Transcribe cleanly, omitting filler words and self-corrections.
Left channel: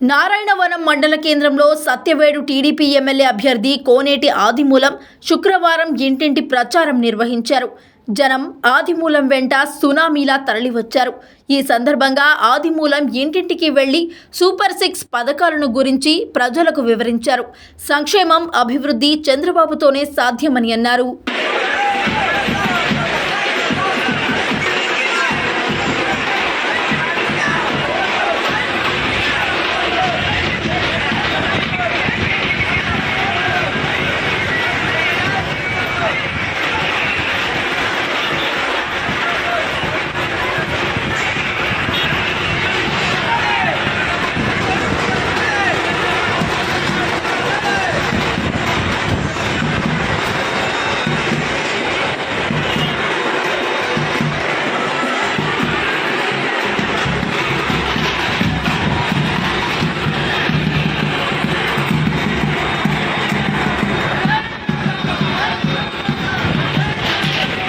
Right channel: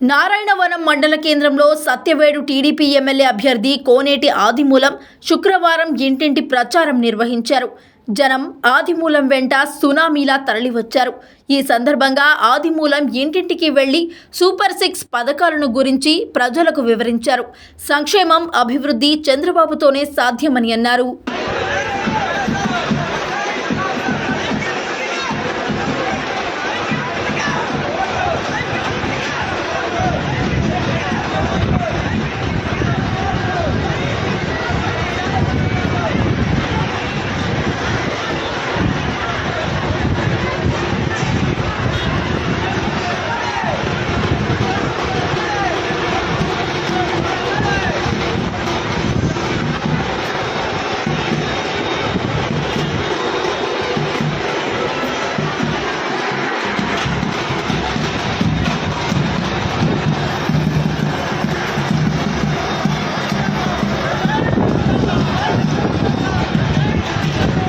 నారాయణవనం మండల కేంద్రంలో Satyavedu TDP MLA అభ్యర్థి కోనేటి ఆదిమూలం శుక్రవారం ఇంటింటి ప్రచారం నిర్వహించారు. జనం ఆదిమూలం వెంట సునామీలా తరలివచ్చారు. ఈ సందర్భంగా ఆదిమూలం ఇంటింటికి వెళ్లి సూపర్ 6 పథకాలను గురించి ప్రజలకు వివరించారు. సంక్షేమం, అభివృద్ధి చంద్రబాబుతోనే సాధ్యమని అన్నారు.